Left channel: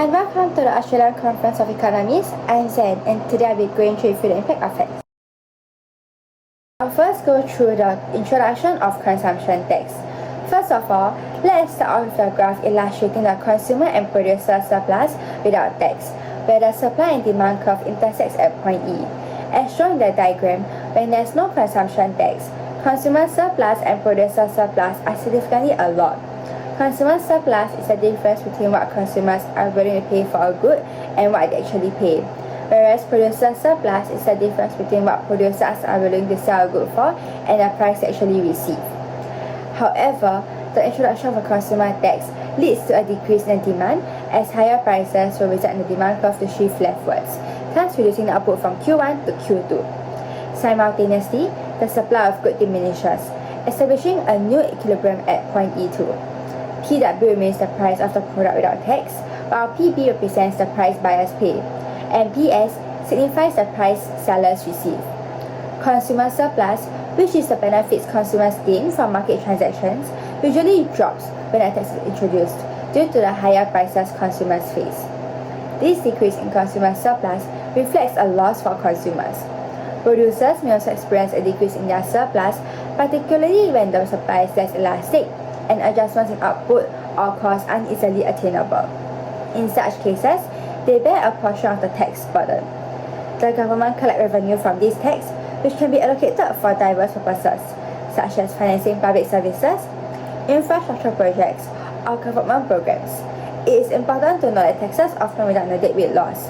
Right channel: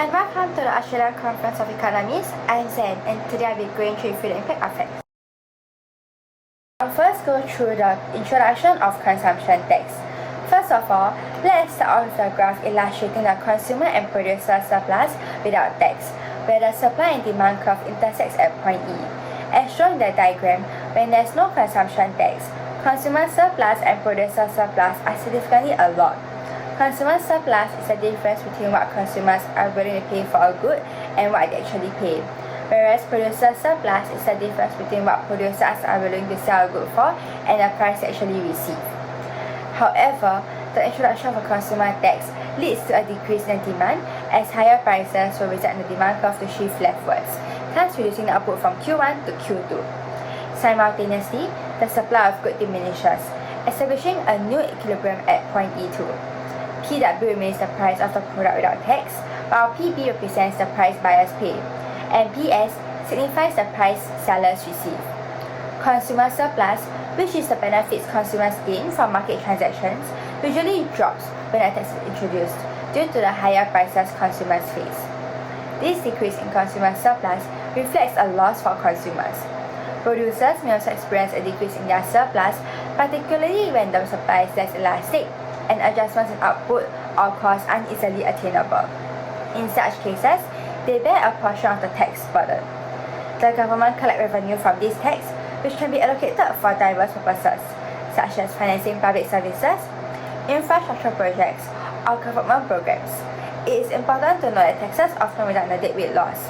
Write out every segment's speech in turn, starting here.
Hi and welcome to the Australian Conference of Economists. I'm Zen and today I'll be going through the impact of tax. I'll first go through the introduction of consumption tax. First of all, let's start off with a graph illustrating the consumer and producer surplus without tax, where the supply and demand curve intersects at point E. As shown in the diagram, when there's no consumption tax, consumer surplus and producer surplus are significantly a lot. Consumer surplus is the difference between what consumers are willing to pay for a good and what they actually pay, whereas producer surplus is the difference between what producers are willing to sell a good for and the price they actually receive. However, the introduction of a consumer tax leads to a decrease in demand as higher prices will result in the demand curve to shift leftwards, thus reducing the output from Q1 to Q2. Simultaneously, the supply of goods diminishes, establishing a new equilibrium at point E2. PW remains the price of the product without tax, while PB represents the price buyers pay, and PS signifies the price sellers receive. Consumer surplus, which is the benefits consumers gain from market transactions, usually drops when a tax is introduced due to the higher prices consumers face. This decrease in consumer surplus reflects a loss for consumers. Producers may also experience a decrease in their surplus, particularly when the supply is less elastic and adjustments in output or costs uneasily attainable. In such cases, they bear a portion of the tax burden. The government collects revenue from this tax, which can be allocated for diverse purposes, such as financing public services, infrastructure projects, or government programs. It is important to note that taxes often result in a deadweight loss,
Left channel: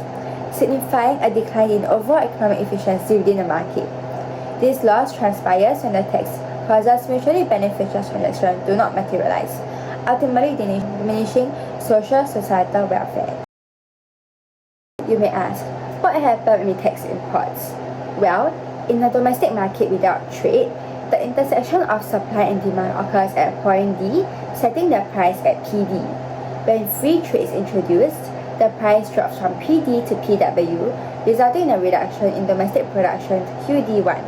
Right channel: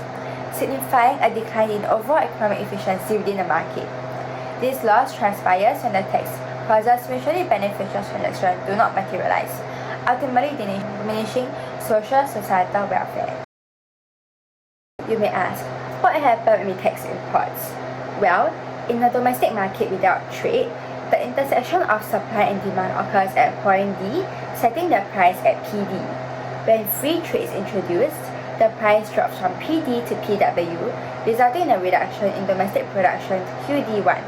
signifying a decline in overall economic efficiency within the market. This loss transpires when the tax causes mutually beneficial transactions do not materialize, ultimately diminishing social societal welfare. You may ask, what happens with tax imports? Well, in the domestic market without trade, the intersection of supply and demand occurs at point D, setting the price at PD. When free trade is introduced, the price drops from PD to PW, resulting in a reduction in domestic production to QD1.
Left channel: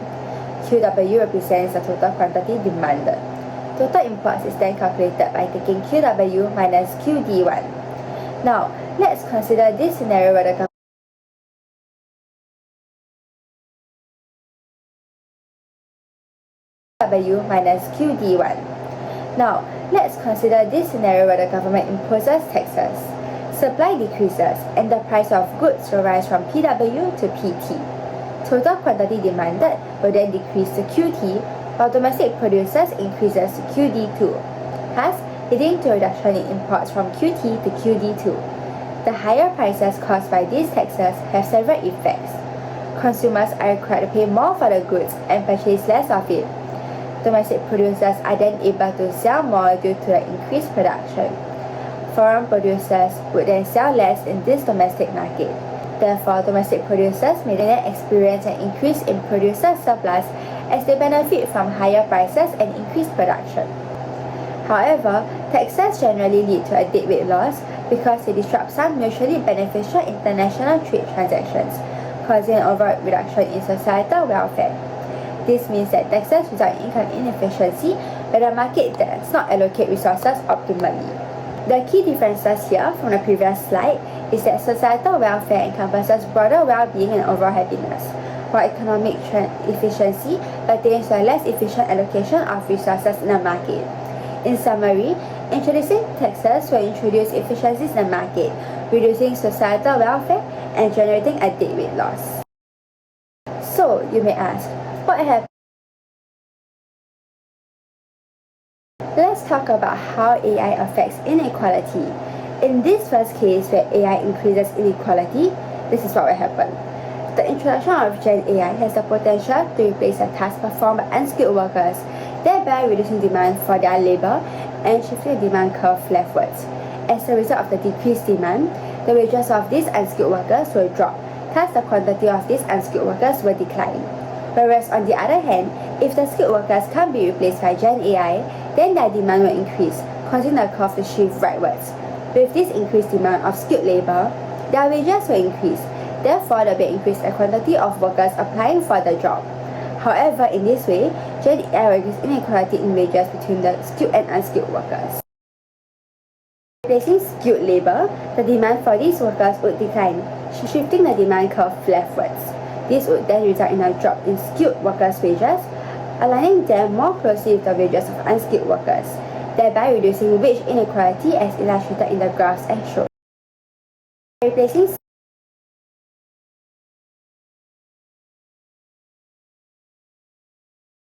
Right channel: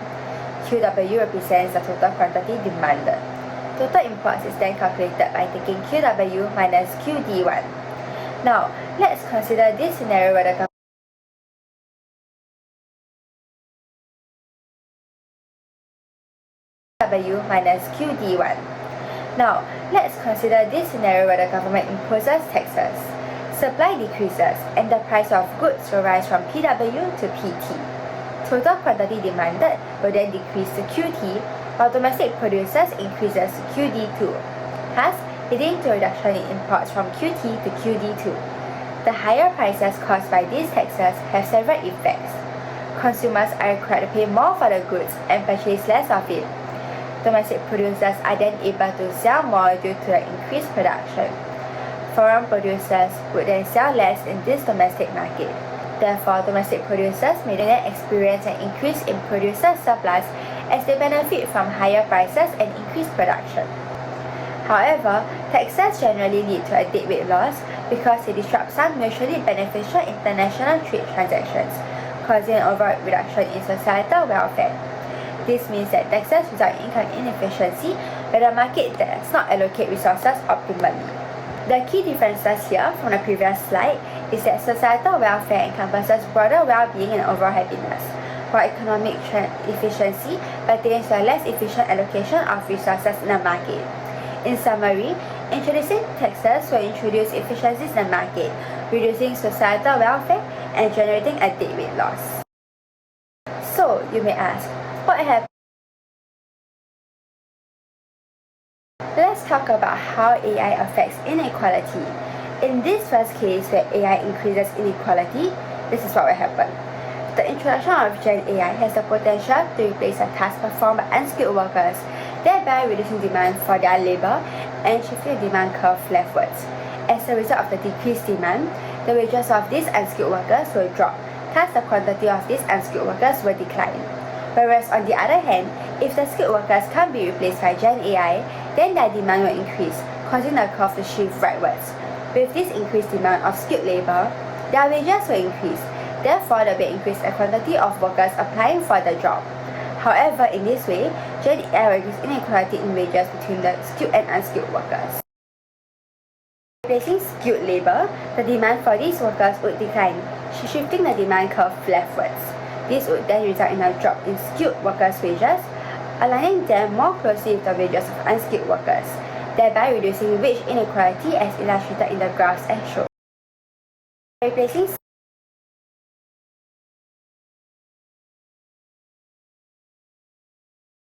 QW represents the total quantity demanded. Total imports is then calculated by taking QW minus QD1. Now, let's consider this scenario where the QW minus QD1. Now, let's consider this scenario where the government imposes taxes. Supply decreases and the price of goods will rise from PW to PT. Total quantity demanded will then decrease to QT, while domestic producers increases to QD2, thus leading to a reduction in imports from QT to QD2. The higher prices caused by these taxes have several effects. Consumers are required to pay more for the goods and purchase less of it. Domestic producers are then able to sell more due to the increased production. Foreign producers would then sell less in this domestic market. Therefore, domestic producers may then experience an increase in producer surplus as they benefit from higher prices and increased production. However, taxes generally lead to a deadweight loss because they disrupt some mutually beneficial international trade transactions, causing an overall reduction in societal welfare. This means that taxes result in income inefficiency where the market does not allocate resources optimally. The key differences here from the previous slide is that societal welfare encompasses broader well-being and overall happiness, while economic efficiency pertains to a less efficient allocation of resources in the market. In summary, introducing taxes will introduce efficiencies in the market, reducing societal welfare and generating a deadweight loss. So, you may ask, what happens? Let's talk about how AI affects inequality. In this first case where AI increases inequality, this is what will happen. The introduction of Gen AI has the potential to replace the tasks performed by unskilled workers, thereby reducing demand for their labor and shifting the demand curve leftwards. As a result of the decreased demand, the wages of these unskilled workers will drop, thus the quantity of these unskilled workers will decline. Whereas on the other hand, if the skilled workers can't be replaced by Gen AI, then their demand will increase, causing the curve to shift rightwards. With this increased demand of skilled labor, their wages will increase. Therefore, there will be an increase in the quantity of workers applying for the job. However, in this way, Gen AI will reduce inequality in wages between the skilled and unskilled workers. replacing skilled labor, the demand for these workers would decline, shifting the demand curve leftwards. This would then result in a drop in skilled workers' wages, aligning them more closely with the wages of unskilled workers, thereby reducing wage inequality as illustrated in the graphs and shown. Replacing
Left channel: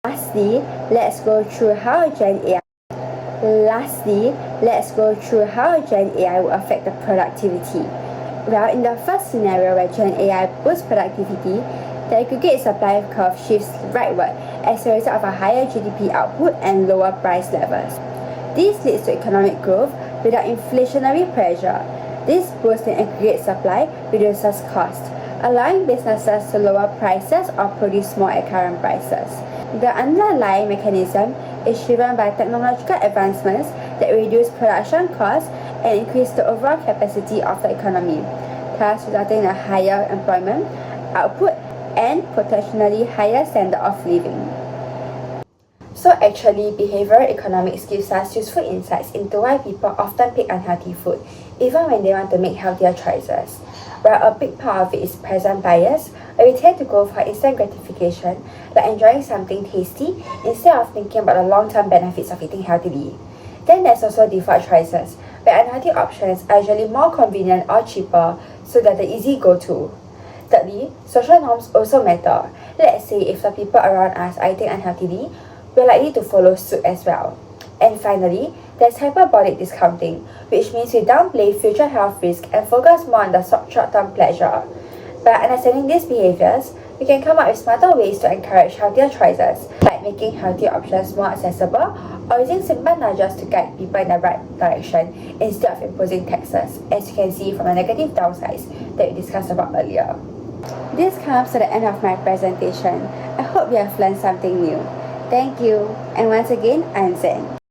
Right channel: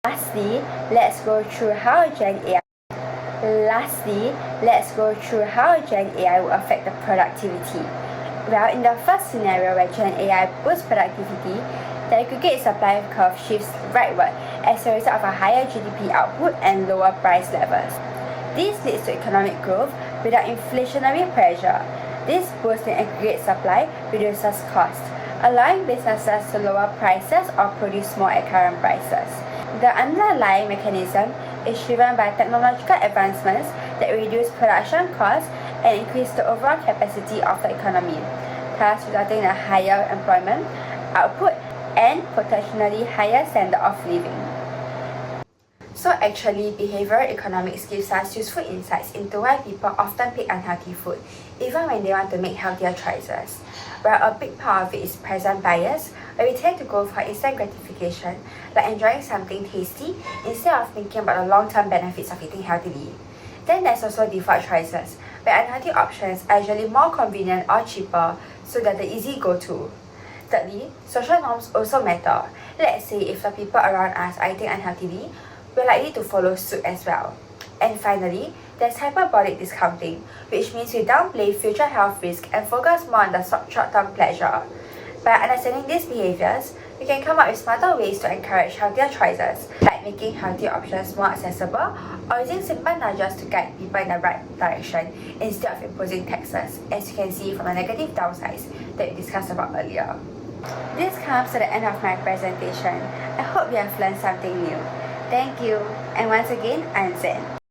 Lastly, let's go through how Gen AI will affect the productivity. Well, in the first scenario where Gen AI boosts productivity, the aggregate supply curve shifts rightward as a result of a higher GDP output and lower price levels. This leads to economic growth without inflationary pressure. This boost in aggregate supply reduces costs, allowing businesses to lower prices or produce more at current prices. The underlying mechanism is driven by technological advancements that reduce production costs and increase the overall capacity of the economy, thus resulting in a higher employment, output, and potentially higher standard of living. So actually, behavioral economics gives us useful insights into why people often pick unhealthy food, even when they want to make healthier choices. While a big part of it is present bias, where we tend to go for instant gratification, like enjoying something tasty, instead of thinking about the long-term benefits of eating healthily. Then there's also default choices, where unhealthy options are usually more convenient or cheaper, so they're the easy go-to. Thirdly, social norms also matter. Let's say if the people around us are eating unhealthily, we're likely to follow suit as well. And finally, there's hyperbolic discounting, which means we downplay future health risks and focus more on the short-term pleasure. By understanding these behaviors, we can come up with smarter ways to encourage healthier choices, like making healthy options more accessible or using simple nudges to guide people in the right direction instead of imposing taxes, as you can see from the negative downsides that we discussed about earlier. This comes to the end of my presentation. I hope you have learned something new. Thank you, and once again, I'm Zen.